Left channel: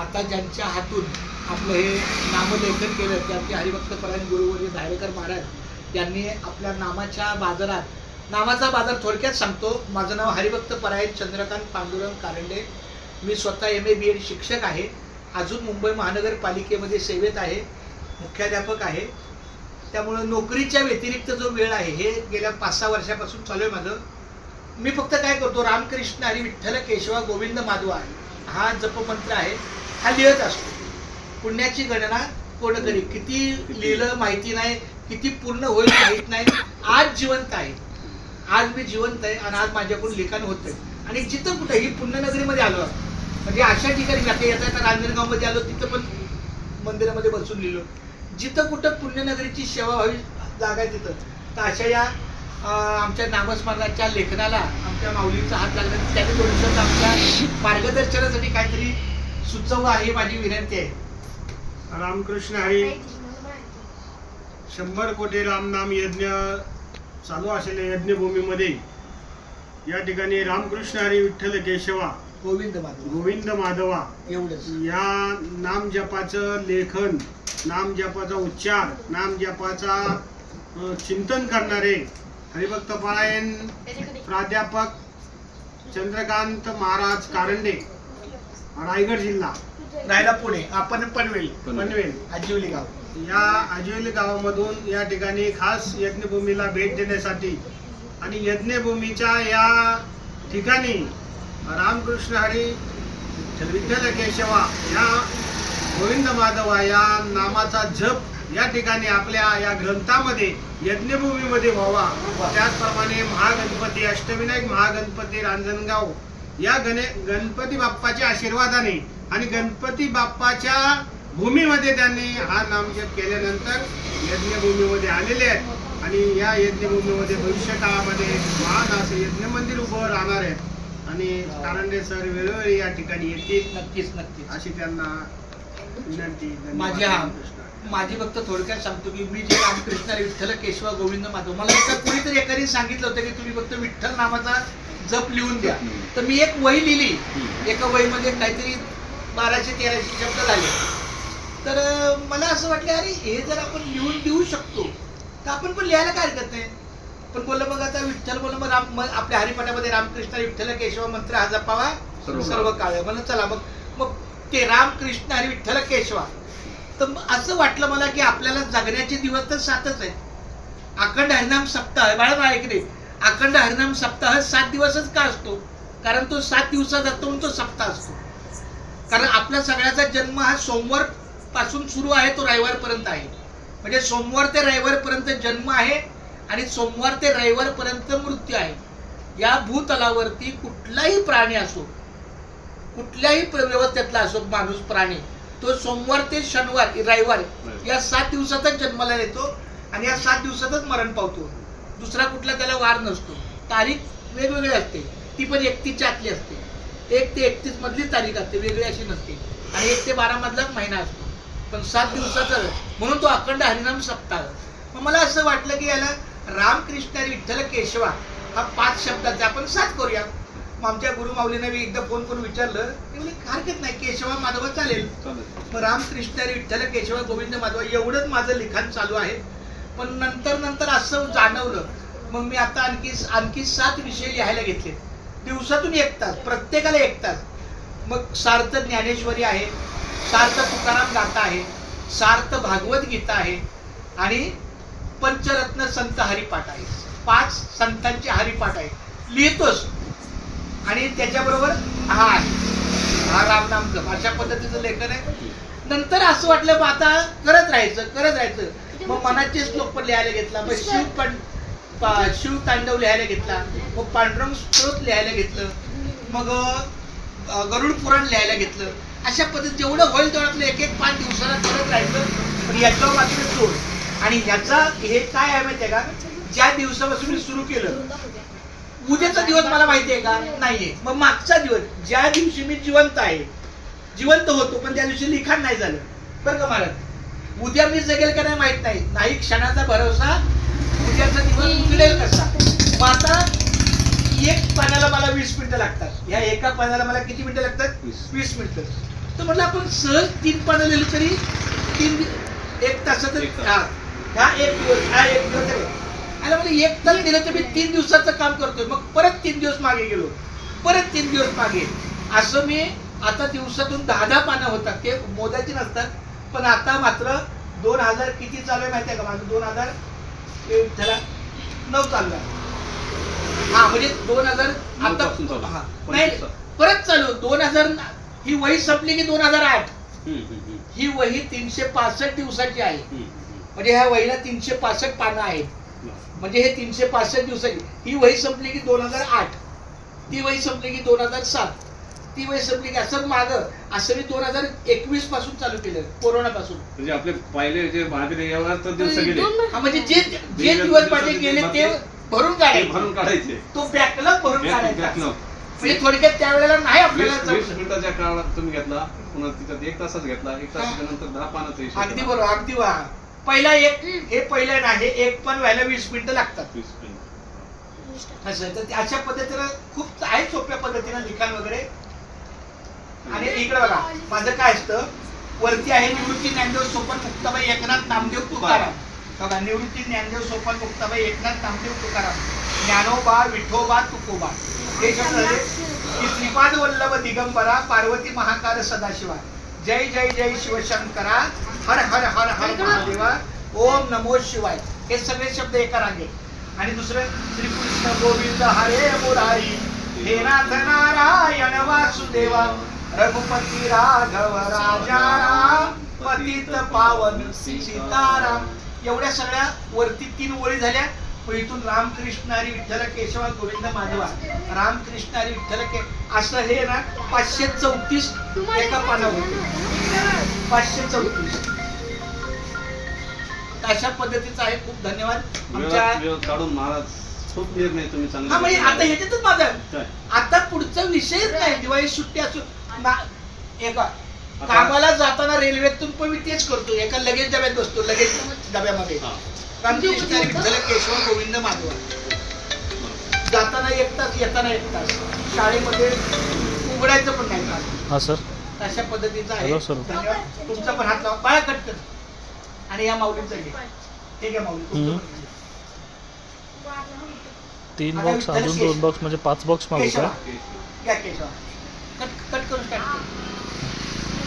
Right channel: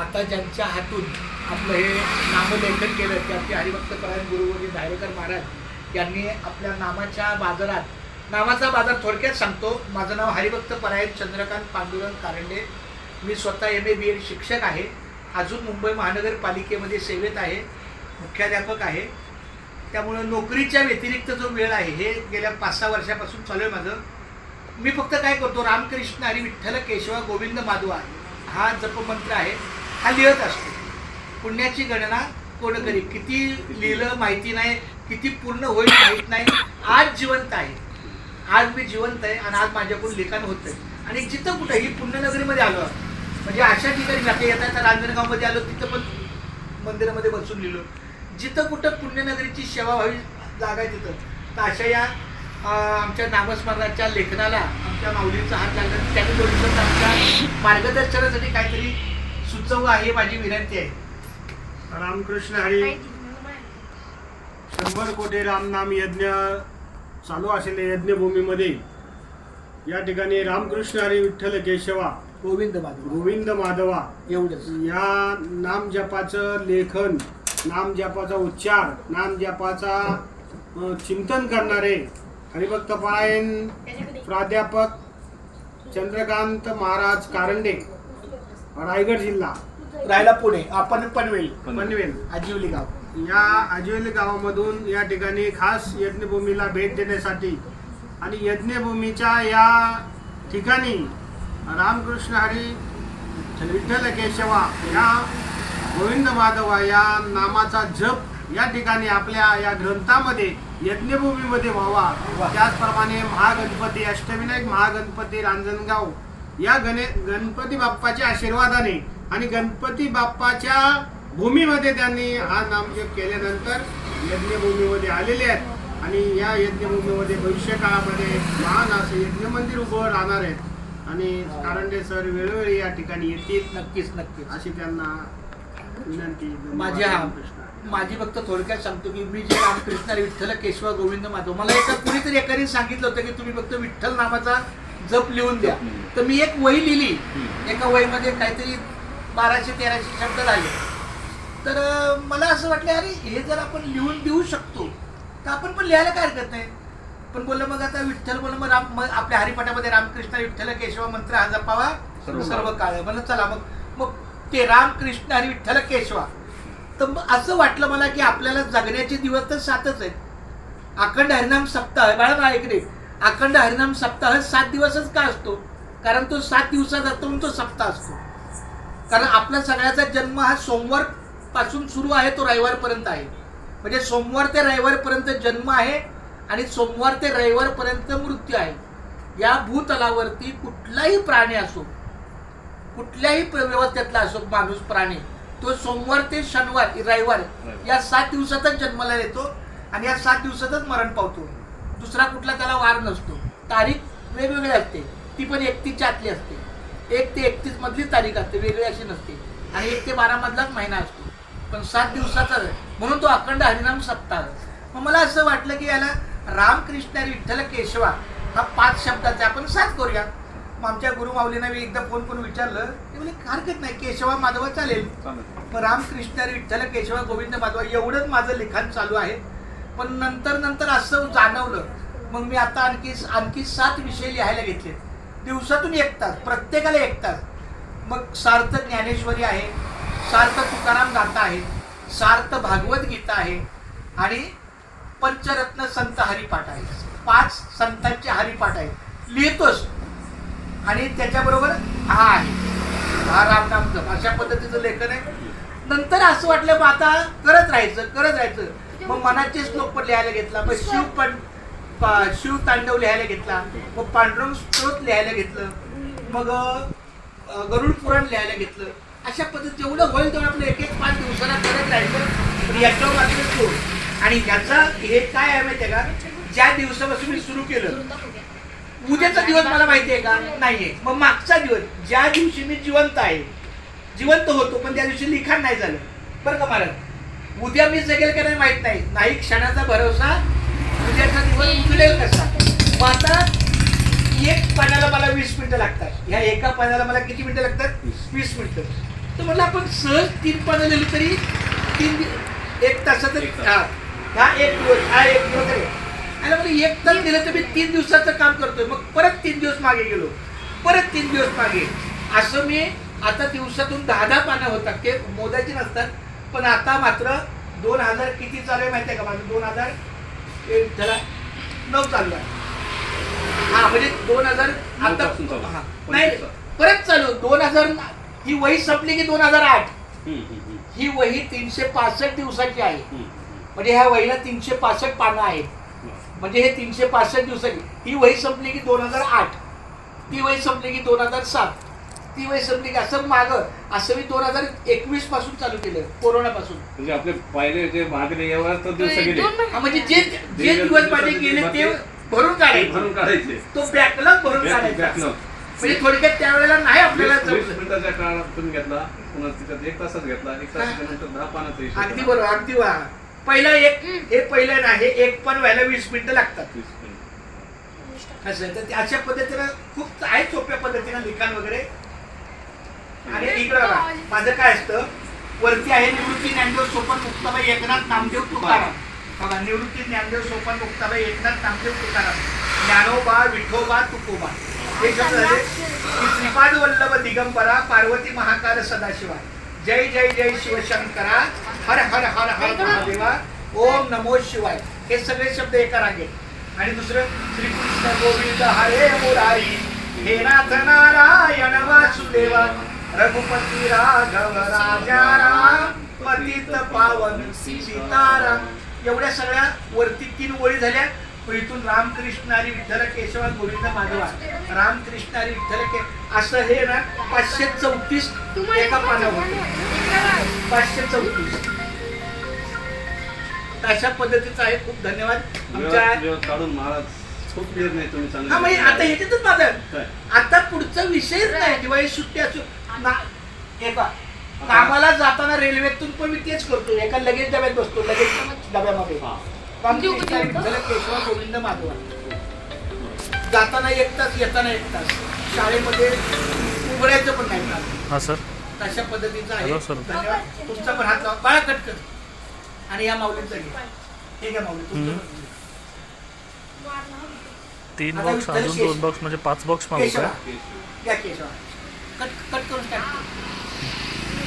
आता ज्यांच्या हातून आपलं हे नामलेखन केलं ते आपले हरिभक्तपरायण गुरुवर्य धायरेकर महाराज यांनी आपल्या नामाच्या बाजारात, नामाचा बाजार थोडक्यात सांगतो. माझं नाव हरिभक्तपरायण चंद्रकांत पांडुरंग कारंडे. मी स्वतः MA BEd शिक्षक आहे. अजून मुंबई महानगरपालिकेमध्ये सेवेत आहे, मुख्याध्यापक आहे. त्यामुळे नोकरीच्या व्यतिरिक्त जो वेळ आहे हे गेल्या 5-6 वर्षापासून चालू आहे माझं. मी फक्त काय करतो, रामकृष्ण हरी विठ्ठल केशवा गोविंद माधवा हा जपमंत्र आहे, हा लिहत असतो. पुण्याची गणना कोण करी, किती लिहिलं माहिती नाही, किती पूर्ण होईल माहीत नाही. आज जिवंत आहे, आज मी जिवंत आहे आणि आज माझ्याकडून लिखाण होत आहे. आणि जिथं कुठं ही पुण्यनगरीमध्ये आलो, म्हणजे अशा ठिकाणी जाते येता रांजणगावमध्ये आलो, तिथं पण मंदिरामध्ये बसून लिहिलो. जिथं कुठं पुण्यनगरीची सेवा व्हावी जागा आहे तिथं, तर अशा या आमच्या नामस्मरणाच्या लेखनाला आमच्या माऊलींचा हात लागला. त्याने थोडंसं आमच्या मार्गदर्शनासाठी काहीतरी सुचवलं आहे, माझी विनंती आहे. रामकृष्ण हरी 100 कोटी रामनाम यज्ञ चालू असलेल्या यज्ञभूमीमध्ये या ठिकाणी रामकृष्ण हरी विठ्ठल केशवा गोविंद माधवा एवढंच या नाम जपाचं लेखन, नाम जपाचा उच्चार, नाम जपाचा चिंतन करणारे हरिभक्तपरायण प्राध्यापक चंद्रकांत महाराज कारंडे, रायगड जिल्हा, राहायला पुणे, आपण पनवेल आजिवली गाव, या आजिवली गावामधून या ठिकाणी खास यज्ञभूमीला भेट देण्यासाठी आणि यज्ञभूमीच्या या ठिकाणी रामकृष्ण हरी विठ्ठल केशवा या गोविंद माधवा या नामाचा जप या ठिकाणी आपल्या या ग्रंथामध्ये यज्ञभूमीमध्ये व्हावा. त्याचप्रमाणे महागणपती, अष्टविनायक महागणपती रांजणगाव या गणपती बाप्पाच्या आशीर्वादाने आणि गणपती बाप्पाच्या भूमीमध्ये त्यांनी हा नामजप केल्यानंतर यज्ञभूमीमध्ये आलेले आहेत आणि या यज्ञभूमीमध्ये भविष्य काळामध्ये महान असं यज्ञ मंदिर उभं राहणार आहेत. आणि कारंडे सर वेळोवेळी या ठिकाणी येतील, नक्कीच अशी त्यांना विनंती. माझी फक्त थोडक्यात सांगतो की मी जे रामकृष्ण विठ्ठल केशवा गोविंद माधव, मला एका कोणीतरी एकाने सांगितलं होतं की तुम्ही फक्त विठ्ठल नामाचा जप लिहून द्या. तर मी एक वही लिहिली, एका वहीमध्ये काहीतरी 1200-1300 शब्द झाले. तर मला असं वाटलं अरे हे जर आपण लिहून देऊ शकतो तर आपण पण लिहायला काय हरकत नाही. पण बोललं मग आता विठ्ठल बोललं मग आपल्या हरिपाठामध्ये रामकृष्ण विठ्ठल केशवा मंत्र हा जपावा सर्व काळ. म्हणून चला मग ते रामकृष्ण हरी विठ्ठल केशवा. तर असं वाटलं मला की आपल्याला जगण्याचे दिवस तर 7च आहेत. अखंड हरिनाम सप्ताह, बाळा ऐकले, अखंड हरिनाम सप्ताह 7 दिवसच का असतो? कारण तो 7 दिवसाचा असतो म्हणून तो सप्ताह असतो. कारण आपला सगळ्याचा जन्म हा सोमवार पासून सुरू आहे, तो रविवारपर्यंत आहे. म्हणजे सोमवार ते रविवारपर्यंत जन्म आहे आणि सोमवार ते रविवारपर्यंत मृत्यू आहे. या भूतलावरती कुठलाही प्राणी असो, कुठल्याही व्यवस्थेतला असो माणूस प्राणी, तो सोमवार ते शनिवार रविवार या 7 दिवसातच जन्माला येतो आणि या 7 दिवसातच मरण पावतो. दुसरा कुठला त्याला वार नसतो. तारीख वेगवेगळी असते, ती पण 31च्या आतली असते. 1 ते 31 मधली तारीख असते, वेगळी अशी नसते. आणि 1 ते 12 मधलाच महिना असतो, पण 7 दिवसाचा, म्हणून तो अखंड हरिनाम सप्ताह. मग मला असं वाटलं की याला रामकृष्ण विठ्ठल केशवा हा 5 शब्दाचा आपण 7 करूया. मग आमच्या गुरुमाऊलींना मी एकदा फोन करून विचारलं, ते म्हणजे हरकत नाही, केशवा माधवा चालेल. मग रामकृष्ण विठ्ठल केशवा गोविंद माधवा एवढंच माझं लिखाण चालू आहे. पण नंतर असं जाणवलं, मग मी आता आणखी 7 विषय लिहायला घेतले. दिवसातून 1 तास, प्रत्येकाला 1 तास. मग सार्थ ज्ञानेश्वरी आहे, सार्थ तुकाराम गाथा आहे, सार्थ भागवत गीता आहे आणि पंचरत्न संत हरिपाठ आहे. 5 संतांचे हरिपाठ आहे, लिहितोच. आणि त्याच्याबरोबर हा आहे, हा रामनाम जप, अशा पद्धतीचं लेखन आहे. नंतर असं वाटलं मग आता करत राहायचं. मग मनाचे श्लोक पण लिहायला घेतला, मग शिव तांडव लिहायला घेतला, मग पांडुरंग स्तोत्र लिहायला घेतलं, मग गरुड पुराण लिहायला घेतलं. अशा पद्धतीत जेवढं होईल तेवढं आपलं 1-1 5 दिवसाला करत राहायचं. पण याच्यावर मात्र सोड. आणि याचा हे काय आहे माहिती आहे का, ज्या दिवसापासून मी सुरू केलं, उद्याचा दिवस मला माहिती आहे का नाहीये. मग मागचा दिवस, ज्या दिवशी मी जिवंत होतो पण त्या दिवशी लिखाण नाही झालं बरं का महाराज. उद्या मी जगेल का नाही माहित नाही क्षणाचा भरोसा, उद्याचा दिवस उजळेल कसा. मग आता 1 पानाला मला 20 मिनिटं लागतात, ह्या एका पानाला मला किती मिनिटं लागतात? 20 मिनिटं. तर म्हटलं आपण सहज 3 पानं लिहिली तरी 1 तासात हा 1 दिवस आहे. आणि म्हणजे 1 तास दिलं तर मी 3 दिवसाचं काम करतोय. मग परत 3 दिवस मागे गेलो, परत 3 दिवस मागे. असं मी आता दिवसातून 10 पानं होतात, ते मोजायची नसतात. पण आता मात्र 2000 किती चालू आहे माहिती आहे का माझं? 2009 चालू आहे. हा म्हणजे 2000 आता नाही परत चालू 2000. ही वही संपली की 2008. ही वही 365 दिवसाची आहे. म्हणजे ह्या वहीला 365 पानं आहेत. म्हणजे हे 365 दिवसाची. ही वही संपली की 2008, ती वही संपली की 2007, ती वही संपली की असं मागं असं मी 2021 पासून चालू केलं, कोरोनापासून. म्हणजे आपले पहिले जे मागले यावर दिवस गेले, म्हणजे जे जे दिवस माझे गेले ते भरून काढायचे. तो बॅकलॉग भरून काढायचा. बॅकलॉग म्हणजे थोडक्यात त्यावेळेला नाही आपल्याला 20 मिनिटाच्या काळात तुम्ही घेतला, पुन्हा तिच्यात 1 तासच घेतला, 1 तासाच्या नंतर 10 पानाचा हिशोब. अगदी बरोबर, अगदी वा. पहिला हे पहिलं नाही, हे एक पण व्हायला 20 मिनिटं लागतात. 20 मिनिट. असं आहे. तर ते अशा पद्धतीनं खूप आहे सोप्या पद्धतीनं लिखाण वगैरे. आणि इकडं बघा माझं काय असतं, वरती आहे निवृत्ती ज्ञानदेव सोपान मुक्ताबाई एकनाथ नामदेव तुकाराम. बघा निवृत्ती ज्ञानदेव सोपान मुक्ताबाई एकनाथ नामदेव तुकाराम, ज्ञानोबा विठोबा तुकोबा. हे शब्द झाले की श्रीपाद वल्लभ दिगंबरा पार्वती महाकाल सदाशिवा, जय जय जय शिवशंकरा, हर हर हर हर महादेवा, ओम नमो शिवाय. हे सगळे शब्द एका रांगेत. आणि दुसरं श्रीकृष्ण गोविंद हरे मुरारी, हे नाथ नारायण वासुदेवा, रघुपती राघव राजा राम, पतित पावन सीताराम. एवढ्या सगळ्या वरती 3 ओळी झाल्या. इथून रामकृष्ण हरी विठ्ठल केशवा गोविंद माधवा, रामकृष्ण हरी विठ्ठल असं हे ना 534 एका पानावर होतं. 534 अशा पद्धतीचं आहे. खूप धन्यवाद. आमच्या काढून महाराज खूप वेळ नाही तुम्ही हा म्हणजे आता सांगितलं. ह्याच्यातच माझं काय? आता पुढचा विषयच नाही. दिवाळी सुट्टी असो कामाला जाताना रेल्वेतून पण मी तेच करतो. एका लगेच डब्यात बसतो, लगेच डब्यामध्ये हा. रामकृष्ण हरी विठ्ठल केशवा गोविंद माधवा. जाताना 1 तास, येताना 1 तास. शाळेमध्ये उघडायचं पण नाही मला. हा सर. अशा पद्धतीचं आहे. Hello sir. धन्यवाद. तुमचा पण हात लावा, बाळा कट कर. आणि या माऊलींचा घे. हे घ्या माऊली तुमचं पण घे. 3 बॉक्स अजून 2 बॉक्स म्हणजे 5 बॉक्स मागू केशवा का? घ्या केशवा. कट कट करून स्टार्ट कर.